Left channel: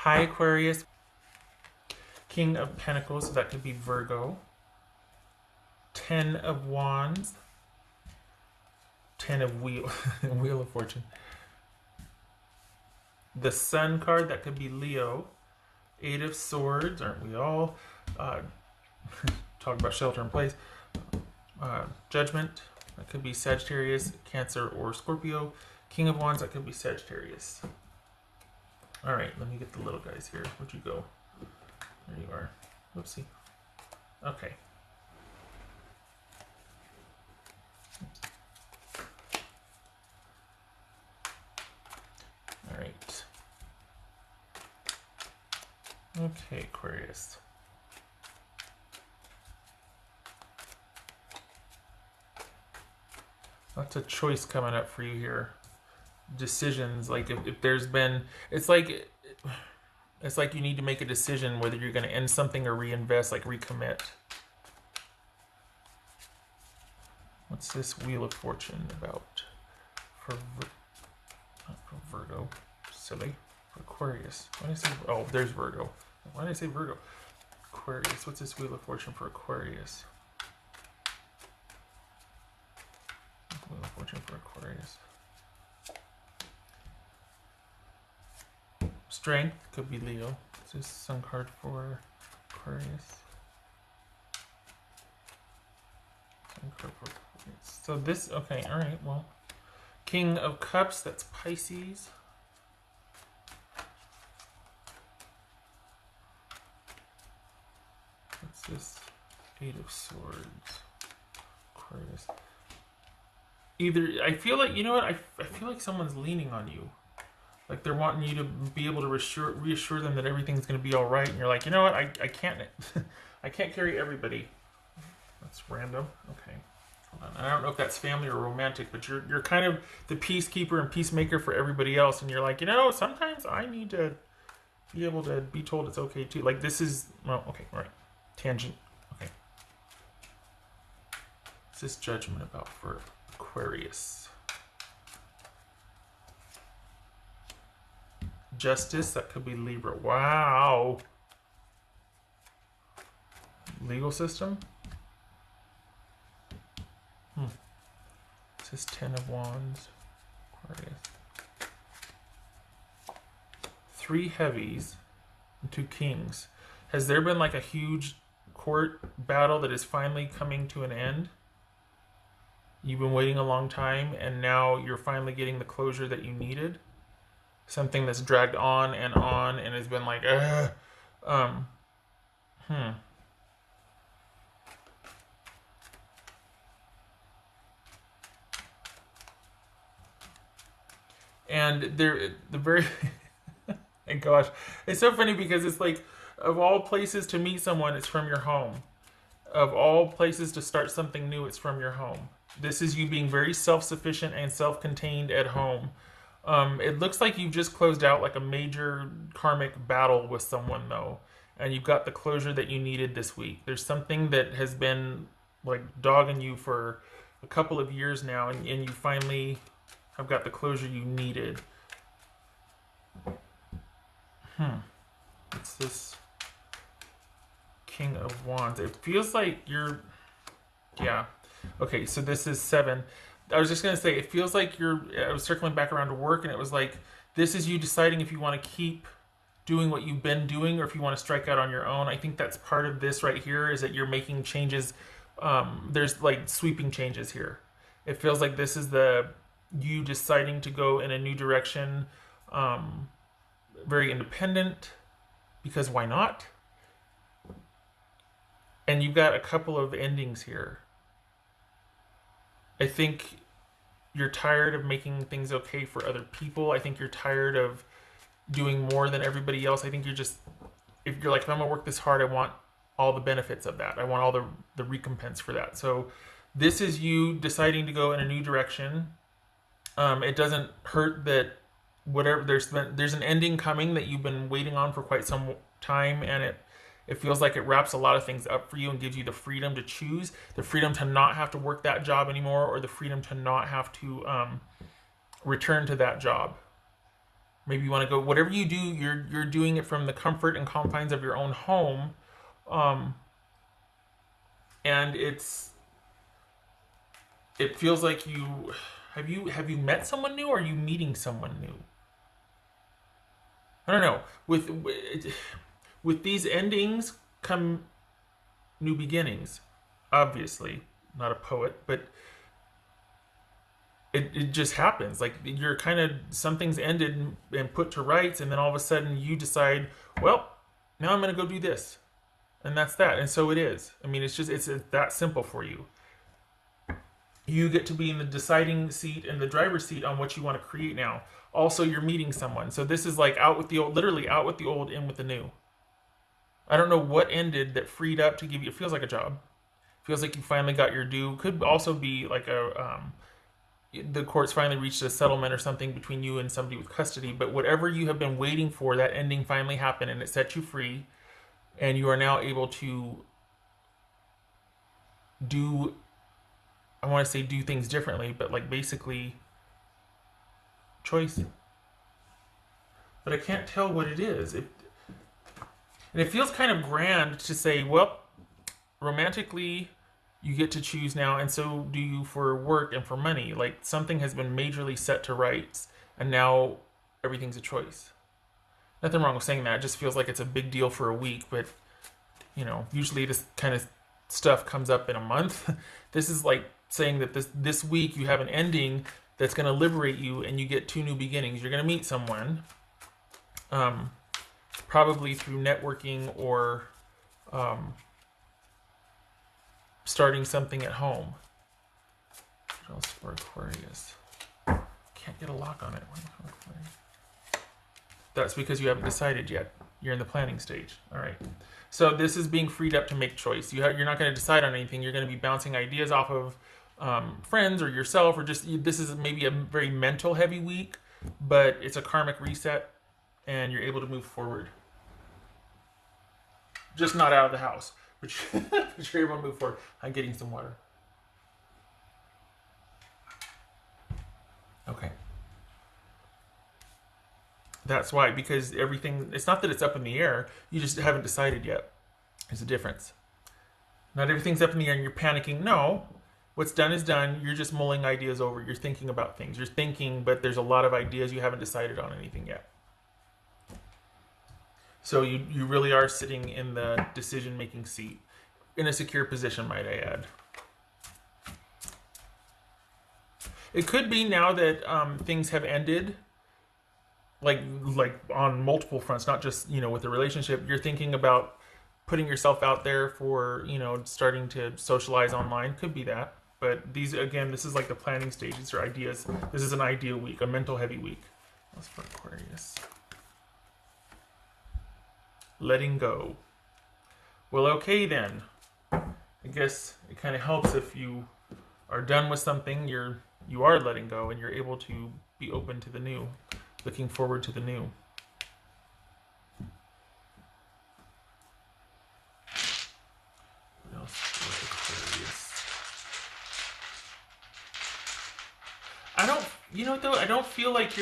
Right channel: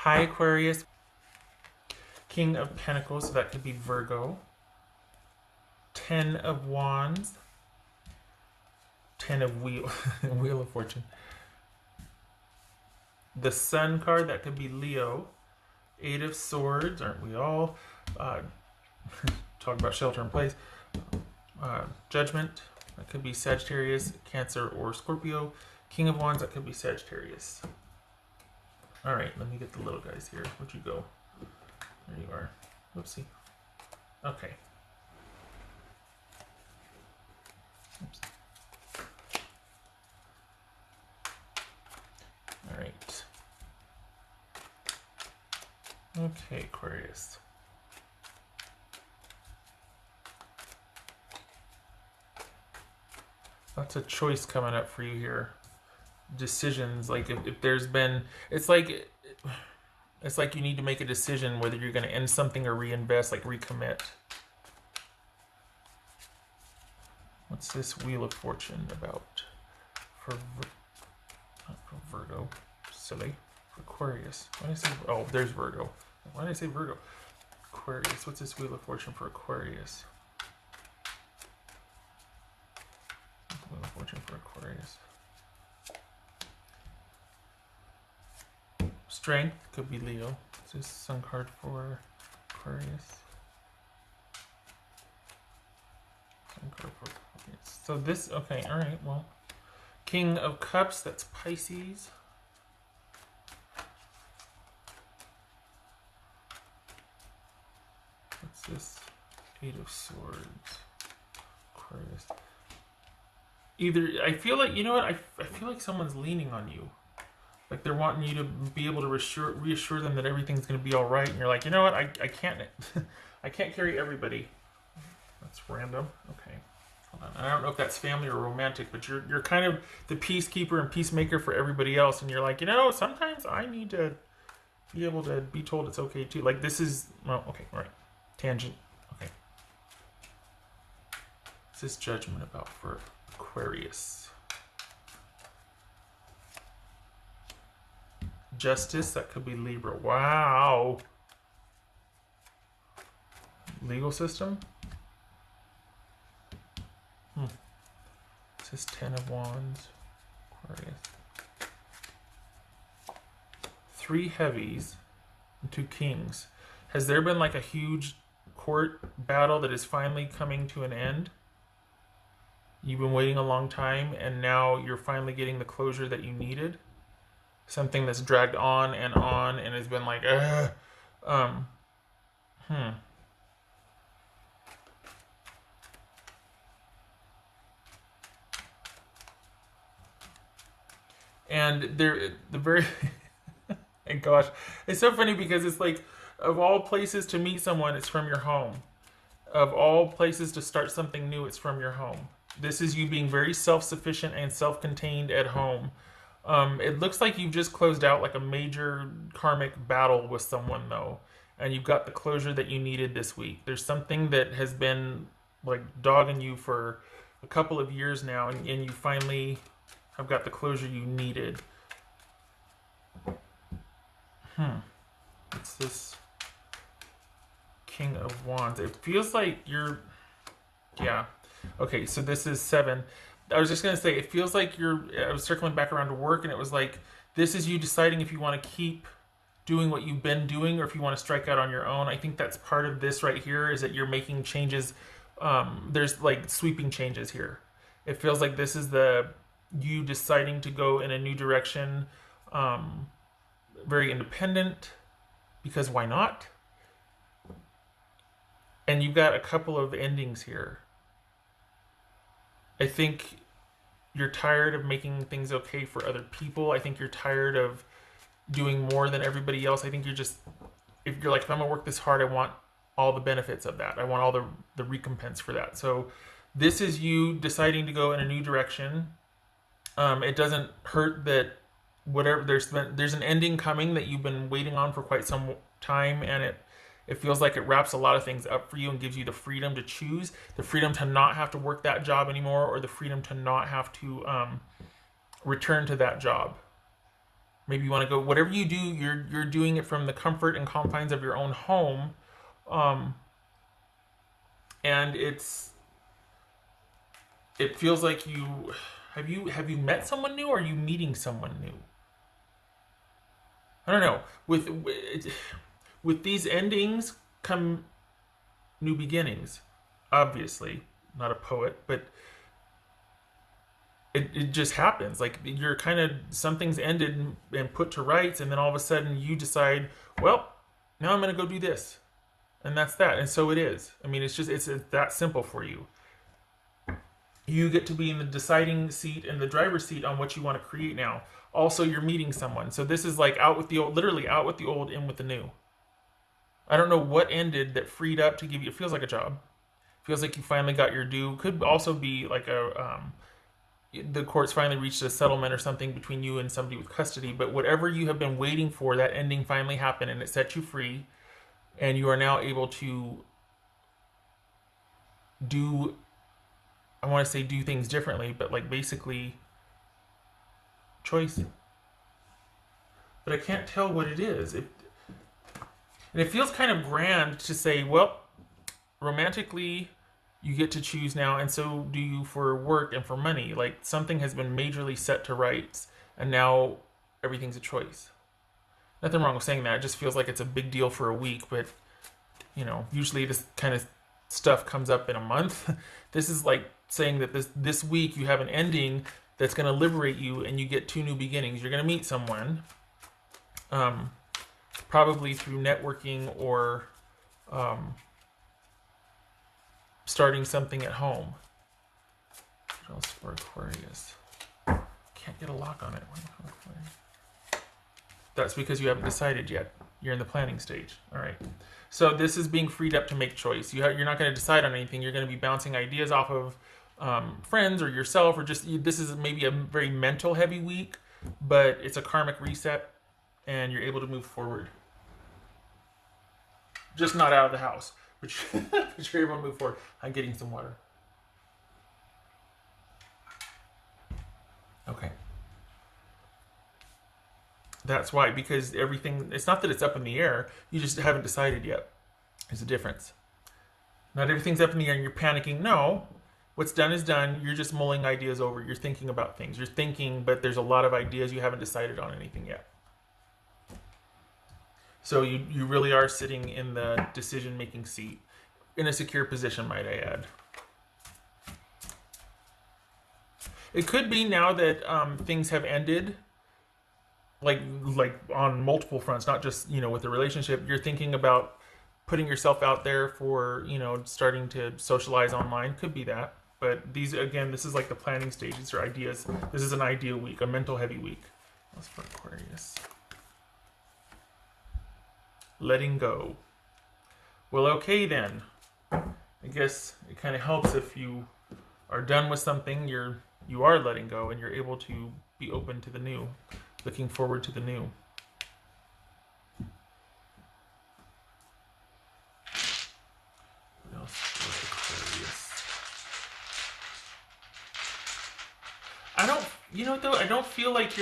High Aquarius, King of Pentacles, so that could be Virgo. 10 of Wands, 10 of Wheel of Fortune. The Sun card, that could be Leo. 8 of Swords, aren't we all? Talking about shelter in place. Judgment, that could be Sagittarius, Cancer, or Scorpio. King of Wands, that could be Sagittarius. All right, let me get the little guys here. Where'd you go? There you are. Oopsie. Okay. All right. Okay, Aquarius. That's a choice coming up for you here. Decisions, like if there's been, it's like you need to make a decision whether you're going to end something or reinvest, like recommit. What's this Wheel of Fortune about for Virgo? Silly. Aquarius. Why did I say? Oh, there's Virgo. Why did I say Virgo? Aquarius. What's this Wheel of Fortune for Aquarius? Wheel of Fortune for Aquarius. Strength could be Leo. It's just some card for Aquarius. So this, okay, all right, well. King of Cups, that's Pisces. What's this? 8 of Swords. Aquarius. Either, I feel like, you know what, I feel like someone's leaning on you. Like they're wanting you to be able to reassure them that everything's going to be all right, and you're like, you know what, I can't, I can't carry everybody. That's random. Okay. I don't know if that's family or romantic, but you're kind of the peacekeeper and peacemaker for everybody else, and you're like, you know, sometimes I need to be able to be told it's okay too. Like this is, oh, okay, all right, tangent. Okay. What's this Judgment about for Aquarius? Justice, that could be Libra. Wow. Legal system? This is 10 of Wands. Aquarius. 3 heavies and 2 kings. Has there been like a huge court battle that is finally coming to an end? You've been waiting a long time, and now you're finally getting the closure that you needed? Something that's dragged on and has been like, And the very, gosh, it's so funny because it's like, of all places to meet someone, it's from your home. Of all places to start something new, it's from your home. This is you being very self-sufficient and self-contained at home. It looks like you've just closed out like a major karmic battle with someone though, and you've got the closure that you needed this week. There's something that has been like dogging you for a couple of years now, and you finally have got the closure you needed. It's this King of Wands. It feels like you're, yeah. Okay, so this is 7. I was just going to say, it feels like I was circling back around to work, and it was like, this is you deciding if you want to keep doing what you've been doing or if you want to strike out on your own. I think that's part of this right here, is that you're making changes. There's like sweeping changes here. It feels like this is you deciding to go in a new direction, very independent, because why not? And you've got a couple of endings here. I think you're tired of making things okay for other people. I think you're tired of doing more than everybody else. I think if you're like, if I'm gonna work this hard, I want all the benefits of that. I want all the recompense for that. So this is you deciding to go in a new direction. It doesn't hurt that whatever there's an ending coming that you've been waiting on for quite some time, and it feels like it wraps a lot of things up for you and gives you the freedom to choose, the freedom to not have to work that job anymore, or the freedom to not have to return to that job. Maybe you want to go, whatever you do, you're doing it from the comfort and confines of your own home. Um, and it feels like you met someone new, or are you meeting someone new? I don't know. With these endings come new beginnings. Obviously, not a poet, but it just happens. Like you're kind of, something's ended and put to rights, and then all of a sudden you decide, well, now I'm going to go do this, and that's that. And so it is. I mean, it's that simple for you. You get to be in the deciding seat, in the driver's seat on what you want to create now. Also, you're meeting someone. So this is like out with the old, literally out with the old, in with the new. I don't know what ended that freed up to give you, it feels like a job. It feels like you finally got your due. Could also be like the courts finally reached a settlement or something between you and somebody with custody. But whatever you have been waiting for, that ending finally happened and it set you free. And you are now able to do, I want to say do things differently, but like basically choice. But I can't tell what it is. And it feels kind of grand to say, well, romantically, you get to choose now, and so do you for work and for money. Like something has been majorly set to rights, and now everything's a choice. Nothing wrong with saying that. It just feels like it's a big deal for a week, but usually this kind of stuff comes up in a month. This is like saying that this week you have an ending that's going to liberate you, and you get two new beginnings. You're going to meet someone, probably through networking or starting something at home. What else for Aquarius? Can't get a lock on it. That's because you haven't decided yet. You're in the planning stage. All right. So this is being freed up to make choice. You're not going to decide on anything. You're going to be bouncing ideas off of friends or yourself, or just this is maybe a very mental heavy week, but it's a karmic reset, and you're able to move forward. Just not out of the house, which you're able to move forward. I'm getting some water. Okay. That's why, because everything, it's not that it's up in the air, you just haven't decided yet. There's a difference. Not everything's up in the air and you're panicking. No, what's done is done. You're just mulling ideas over. You're thinking about things. You're thinking, but there's a lot of ideas. You haven't decided on anything yet. So you really are sitting in the decision-making seat, in a secure position, might I add. It could be now that things have ended, like on multiple fronts, not just with a relationship. You're thinking about putting yourself out there for starting to socialize online. Could be that, but this is like the planning stage. These are ideas. This is an idea week, a mental heavy week. That's for Aquarius. Letting go. Well, okay then. I guess it kind of helps if you are done with something. You are letting go, and you're able to be open to the new, looking forward to the new. I don't feel like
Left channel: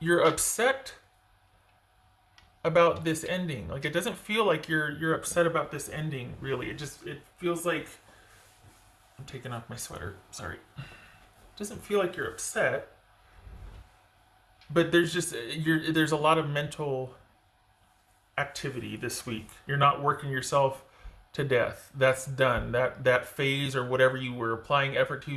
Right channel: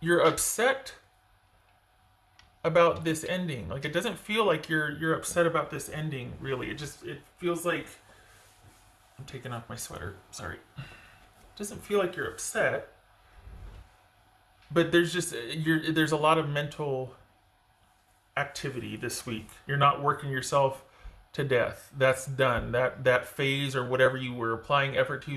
you're upset about this ending. Like, it doesn't feel like you're upset about this ending, really. It feels like, I'm taking off my sweater, sorry. It doesn't feel like you're upset, but there's a lot of mental activity this week. You're not working yourself to death. That's done. That phase or whatever you were applying effort to,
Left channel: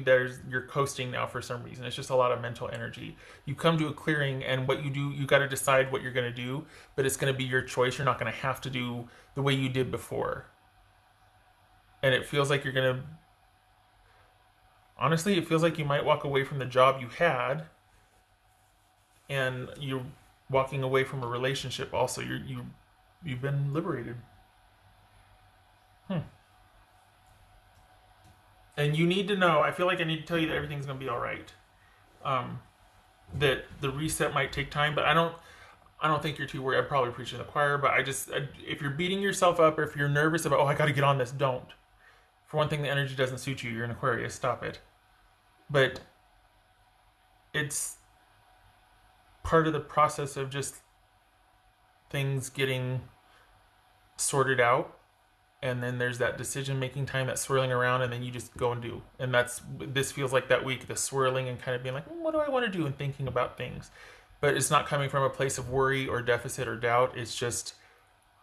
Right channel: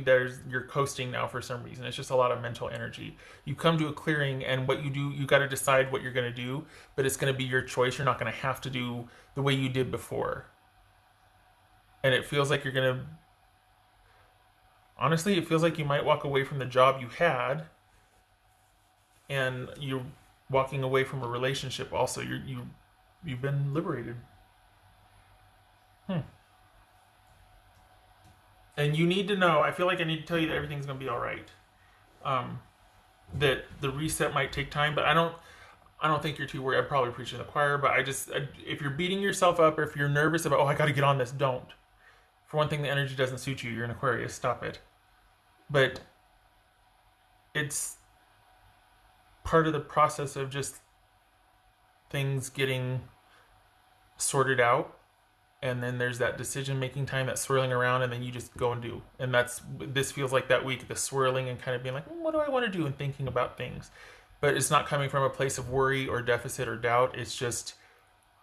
you're coasting now for some reason. It's just a lot of mental energy. You come to a clearing, and what you do, you got to decide what you're going to do, but it's going to be your choice. You're not going to have to do the way you did before. And it feels like honestly, it feels like you might walk away from the job you had, and you're walking away from a relationship also. You've been liberated. And you need to know, I feel like I need to tell you that everything's going to be all right. That the reset might take time, but I don't think you're too worried. I'm probably preaching to the choir, but if you're beating yourself up, or if you're nervous about, I got to get on this, don't. For one thing, the energy doesn't suit you. You're an Aquarius. Stop it. But part of the process of just things getting sorted out. And then there's that decision-making time, that swirling around, and then you just go and do. And this feels like that week, the swirling and kind of being like, what do I want to do, and thinking about things. But it's not coming from a place of worry or deficit or doubt. It's just,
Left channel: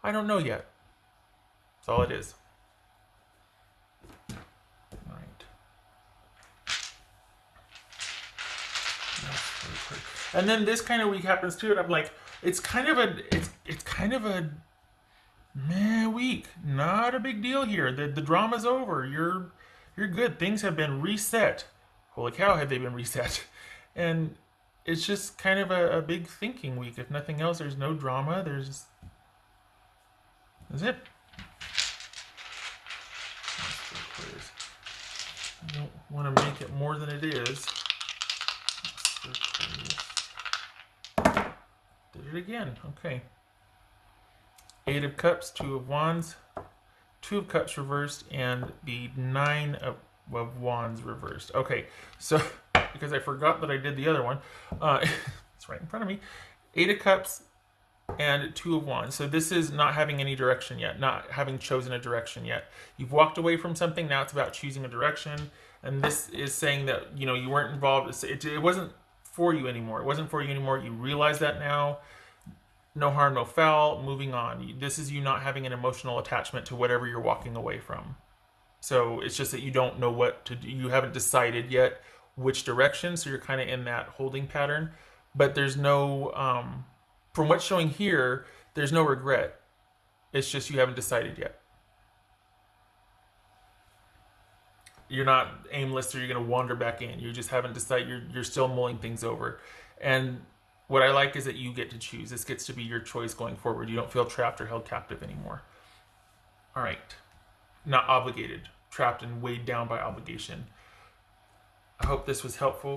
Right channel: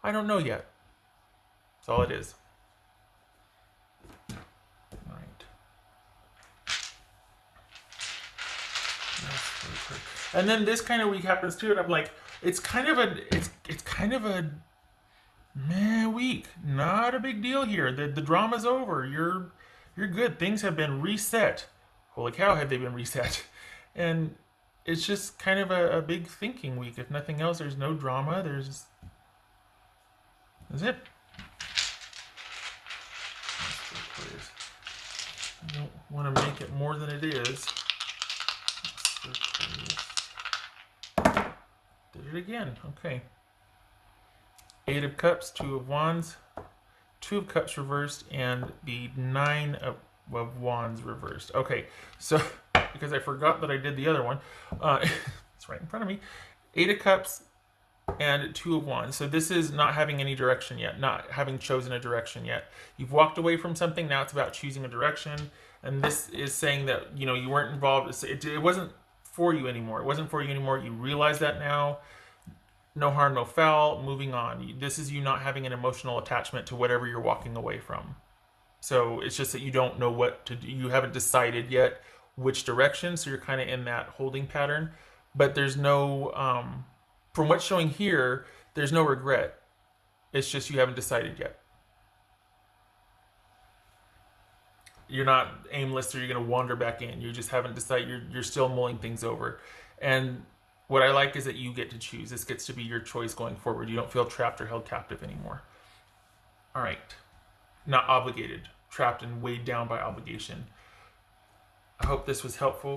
I don't know yet. That's all it is. All right. And then this kind of week happens too, and I'm like, it's kind of a meh week. Not a big deal here. The drama's over. You're good. Things have been reset. Holy cow, have they been reset? And it's just kind of a big thinking week. If nothing else, there's no drama. That's it. I want to make it more than it is. Did it again. Okay. 8 of Cups, 2 of Wands, 2 of Cups reversed, and the 9 of Wands reversed. Okay, so because I forgot that I did the other one, it's right in front of me. 8 of Cups and 2 of Wands. So this is not having any direction yet, not having chosen a direction yet. You've walked away from something, now it's about choosing a direction, and this is saying that, you know, you weren't involved. It wasn't for you anymore. It wasn't for you anymore. You realize that now. No harm, no foul, moving on. This is you not having an emotional attachment to whatever you're walking away from. So it's just that you don't know what to do. You haven't decided yet which direction, so you're kind of in that holding pattern. But there's no, from what's showing here, there's no regret. It's just you haven't decided yet. You're not aimless or you're going to wander back in. You just haven't decided. You're still mulling things over. And what I like is that you get to choose. This gets to be your choice going forward. You don't feel trapped or held captive anymore. All right. Not obligated. Trapped and weighed down by obligation. I hope this was helpful.